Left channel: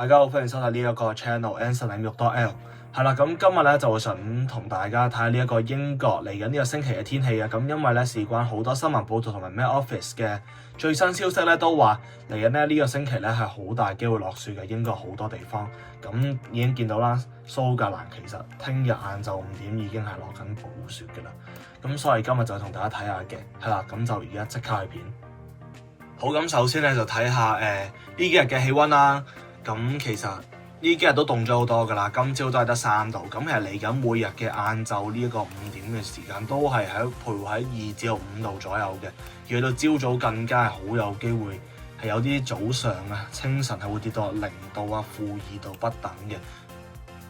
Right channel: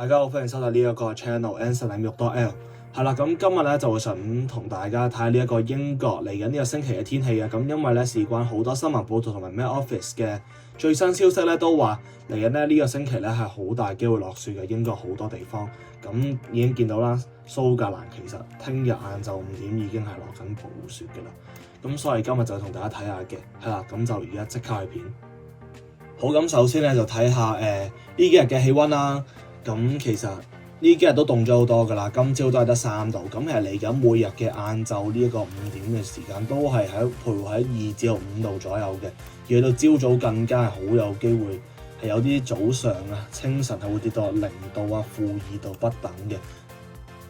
大家好，歡迎收睇呢一個 channel Anson 領域 .L 係啦，咁今日咧就會想同大家睇下呢一個英國嚟緊呢個星期嘅天氣啊。咁因為咧事關好多新聞報道同埋 Met Office 嘅最新消息咧，都話嚟緊咧呢個星期咧係好大機會落雪嘅，英國好多地方。咁已經見到啦，蘇格蘭其實聽日晏晝5點已經係落緊暴雪嘅啦。咁所以今日就同大家睇下嘅係啦，咁就而家即刻去片。好，咁首先咧就睇下呢幾日嘅氣温啦。咁其實呢幾日都凍咗好多㗎啦，今朝都係得3度。咁其實嚟緊每日嘅晏晝呢一個5點嘅時間都係喺徘徊喺2至5度左右嘅，而去到朝早更加係好有機會係有啲早上啊清晨係會跌到0度啊-2度不等嘅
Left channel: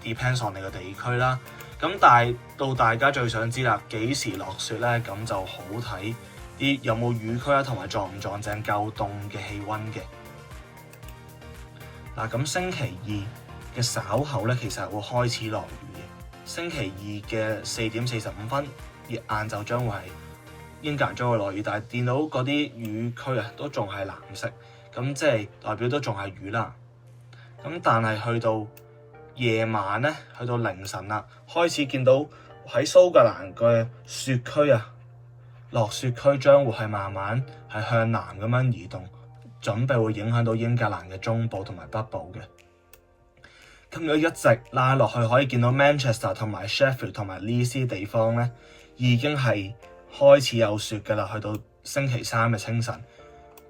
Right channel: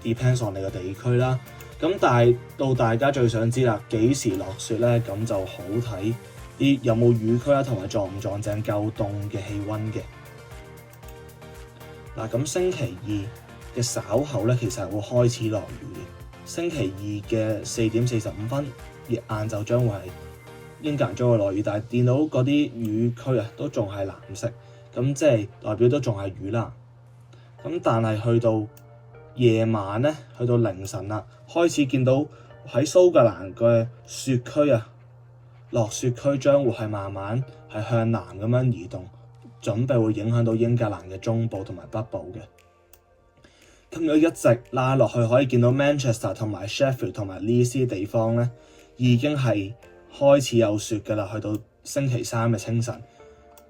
，depends on 你個地區啦。咁但係到大家最想知啦，幾時落雪咧？咁就好睇啲有冇雨區啦，同埋撞唔撞正夠凍嘅氣温嘅。嗱，咁星期二嘅稍後咧，其實會開始落雨嘅。星期二嘅4點45分，晏晝將會係英格蘭將會落雨，但係見到嗰啲雨區啊都仲係藍色，咁即係代表都仲係雨啦。咁但係去到夜晚咧，去到凌晨啦，開始見到喺蘇格蘭嘅雪區啊，落雪區將會係慢慢係向南咁樣移動。準備會影響到英格蘭嘅中部同埋北部嘅。咁如果一直拉落去，可以見到 Manchester 同埋 Sheffield 同埋呢啲地方咧，已經係開始有雪㗎啦。去到星期三嘅清晨，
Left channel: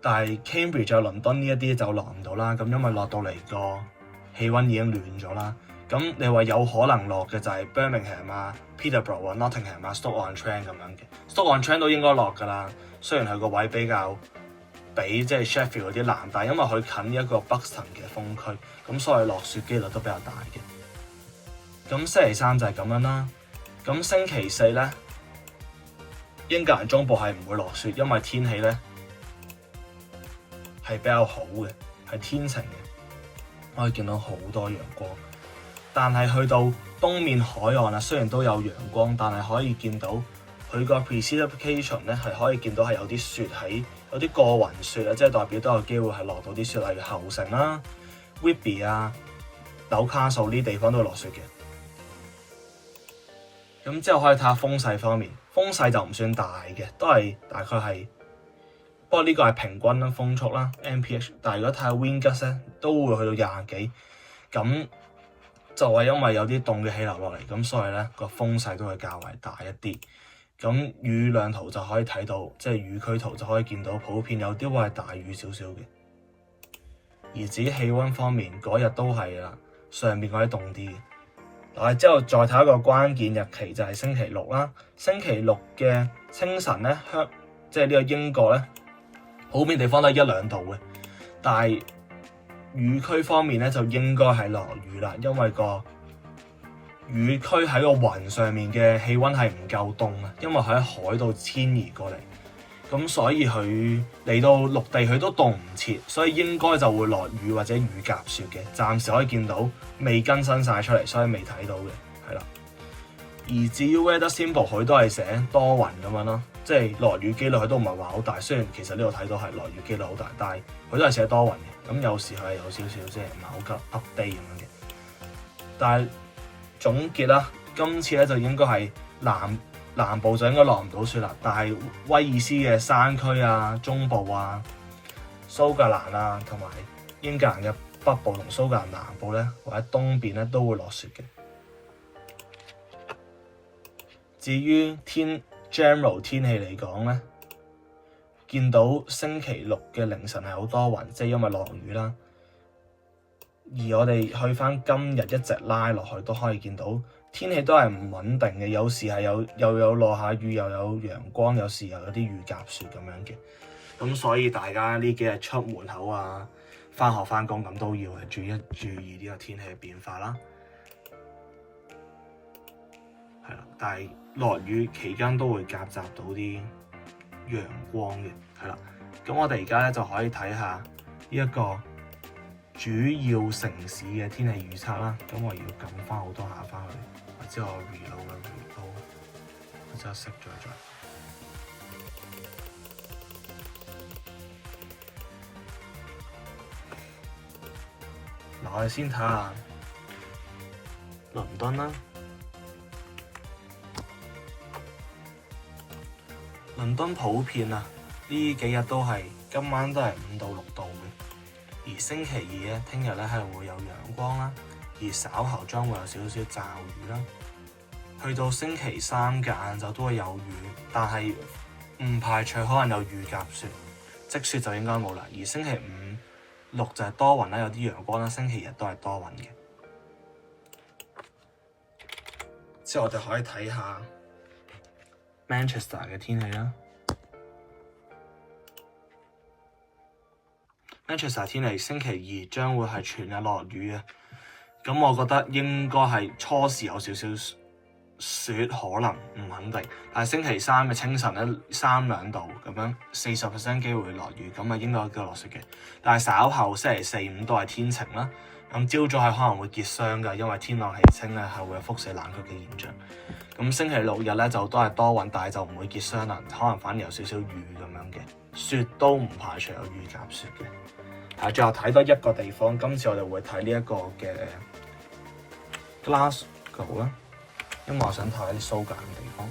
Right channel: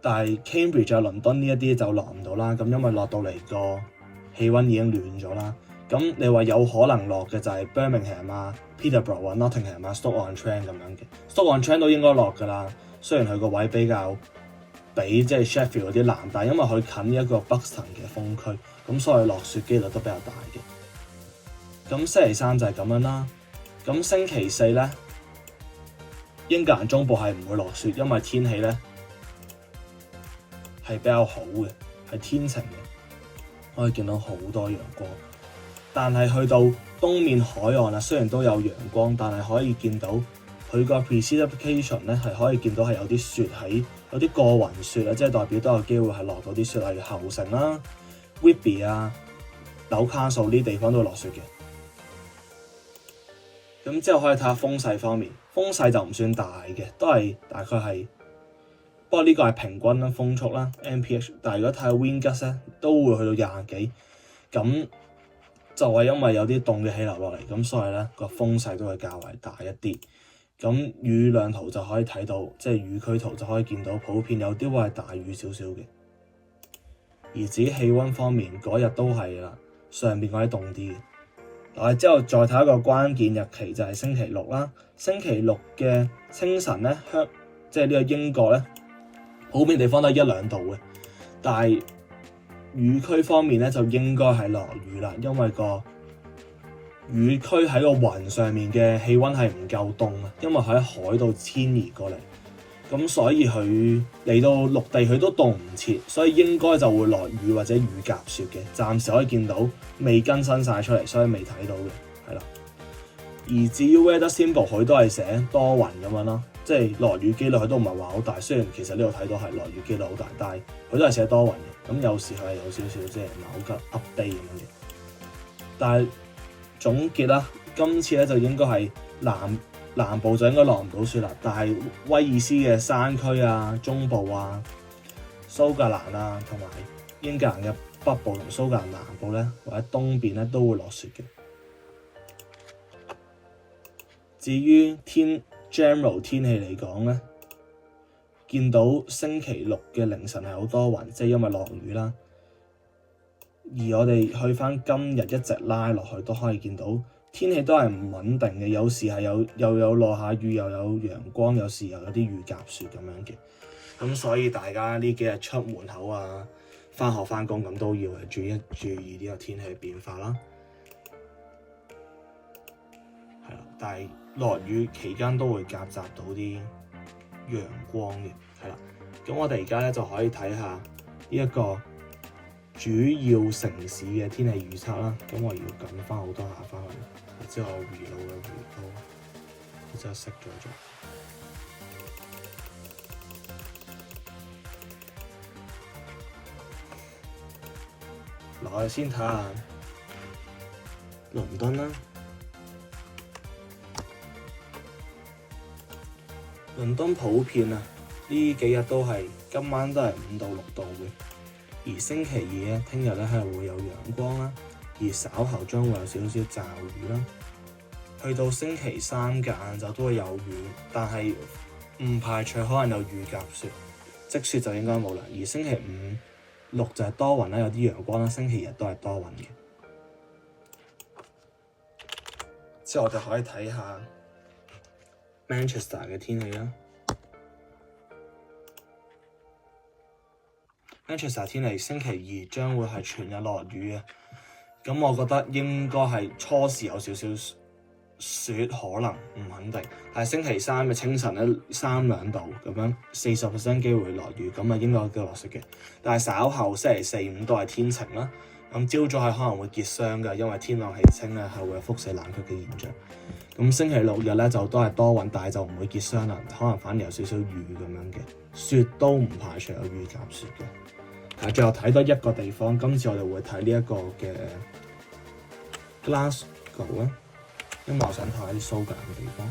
但係 Cambridge 啊、倫敦呢一啲就落唔到啦。咁因為落到嚟個氣温已經暖咗啦。咁你話有可能落嘅就係 Birmingham 啊、Peterborough 啊、Nottingham 啊、Stoke-on-Trent 咁樣嘅。Stoke-on-Trent 都應該落㗎啦。雖然佢個位比較比即係 Sheffield 嗰啲南，但係因為佢近一個 Buxton 嘅風區，咁所以落雪機率都比較大嘅。咁星期三就係咁樣啦。咁星期四咧，英格蘭中部係唔會落雪，因為天氣咧係比較好嘅，係天晴嘅，可以見到好多陽光。但係去到東面海岸啊，雖然都有陽光，但係可以見到佢個 precipitation 咧係可以見到係有啲雪喺。有啲過雲雪啊，即係代表都有機會係落到啲雪，例如後城啦、Whitby 啊、紐卡素呢啲地方都會落雪嘅。咁之後可以睇下風勢方面，風勢就唔算大嘅，都係大概係，不過呢個係平均啦，風速啦 MPH。但係如果睇下 wind gust 咧，都會去到20幾，咁就係因為有啲凍嘅氣流落嚟，咁所以咧個風勢都會較為大一啲。咁雨量圖就可以睇到，即係雨區圖就可以見到，普遍有啲會係大雨少少嘅。而至於氣温方面，嗰日都係啦，上面嗰啲凍啲嘅。嗱，之後再睇一個關鍵日期就係星期六啦。星期六嘅清晨咧，即係呢個英國咧，普遍地方都係1-2度嘅。但係雨區方面咧，就應該係落雨啦，因為個雨區喺個雲上面嘅氣温係唔夠凍啊，因為佢喺海度遷移過嚟，咁所以佢嚟到陸地佢都凍唔切，所以應該就會落雨或者雨夾雪嘅。暫時可以見到未更新晒出嚟，所以未睇到嘅，係啦。而至於 weather symbol 佢都係寫多雲咁樣咯，即係落雨機率佢都唔係話好大。雖然其實呢度睇到係落雨機率好大，但係佢都係寫多雲嘅。咁有時佢係有少少即係唔係好急 update 咁樣嘅，但係總結啦，今次咧就應該係南部就應該落唔到雪啦，但係威爾斯嘅山區啊、中部啊、蘇格蘭啊同埋英格蘭嘅北部同蘇格蘭南部咧，或者東邊咧都會落雪嘅。至於general 天氣嚟講咧，見到星期六嘅凌晨係好多雲，即係因為落雨啦。而我哋去翻今日一直拉落去，都可以見到天氣都係唔穩定嘅，有時係又有落下雨，又有陽光，有時又有啲雨夾雪咁樣嘅。咁所以大家呢幾日出門口啊、翻學翻工咁都要注意呢個天氣變化啦。係啦，但係落雨期間都會夾雜到啲陽光嘅，係啦。咁我哋而家咧就可以睇下呢一個主要城市嘅天氣預測啦。咁我要撳翻好多下翻去，之後 reload 我之後熄咗咗。嗱，我哋先睇下倫敦啦。倫敦普遍啊，呢幾日都係今晚都係5到6度嘅，而星期二咧，聽日咧係會有陽光啦，而稍後將會有少少驟雨啦。去到星期三嘅晏晝都會有雨，但係唔排除可能有雨夾雪，積雪就應該冇啦。而星期五、6就係多雲啦，有啲陽光啦，星期日都係多雲嘅。之後我哋可以睇下 Manchester 嘅天氣啦。Manchester 天氣星期二將會係全日落雨嘅，咁我覺得應該係初時有少少雪，可能唔肯定。但係星期三嘅清晨咧3-2度咁樣，40% 機會落雨，咁啊應該叫落雪嘅。但係稍後星期四、5都係天晴啦。咁朝早係可能會結霜㗎，因為天朗氣清咧係會有輻射冷卻嘅現象。咁星期六日咧就都係多雲，但係就唔會結霜啦，可能反而有少少雨咁樣嘅。雪都唔排除有雨夾雪嘅。係，最後睇多一個地方，今次我哋會睇呢一個嘅 Glasgow 啦，因為我想睇下啲蘇格蘭嘅地方。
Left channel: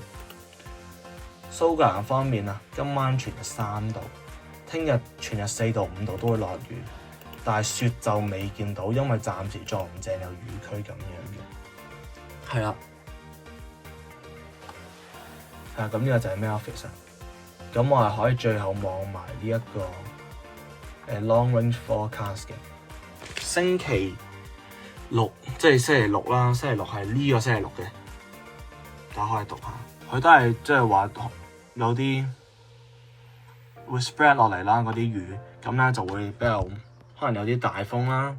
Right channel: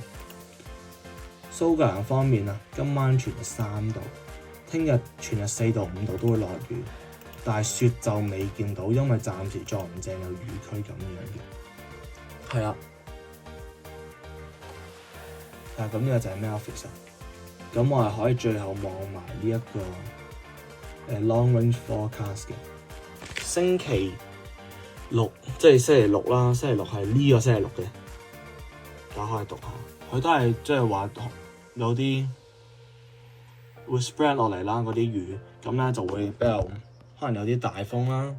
蘇格蘭方面啊，今晚全日3度，聽日全日4到5度都會落雨，但係雪就未見到，因為暫時撞唔正有雨區咁樣嘅。係啦，咁呢個就係 Memphis。咁我係可以最後望埋呢一個long range forecast 嘅星期六，即係星期六啦。星期六係呢個星期六嘅，大家可以讀下。佢都係即係話有啲會 spread 落嚟啦，嗰啲雨咁咧就會比較可能有啲大風啦。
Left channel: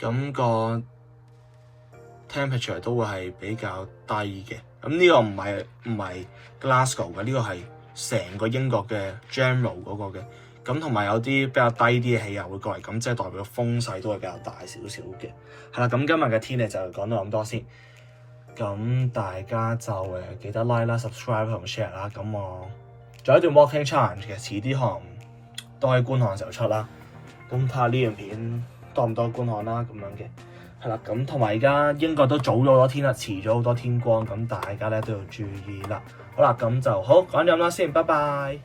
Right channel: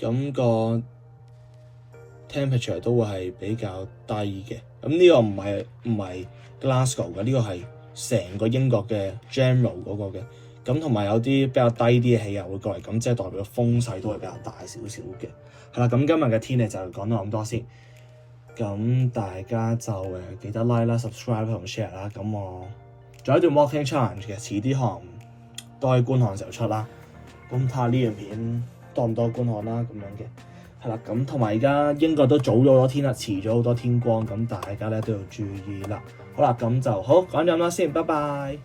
咁個 temperature 都會係比較低嘅。咁呢個唔係 Glasgow 嘅，呢個係成個英國嘅 general 嗰個嘅。咁同埋有啲比較低啲嘅氣壓會過嚟，咁即係代表風勢都係比較大少少嘅。係啦，咁今日嘅天氣就講到咁多先。咁大家就記得 like 啦、subscribe 同 share 啦。咁我仲有一段 walking challenge 嘅，遲啲可能都喺觀看嘅時候出啦。咁睇下呢段片多唔多觀看啦，咁樣嘅。係啦，咁同埋而家英國都早咗好多天啦，遲咗好多天光，咁大家咧都要注意啦。好啦，咁就好講咗咁多先，拜拜。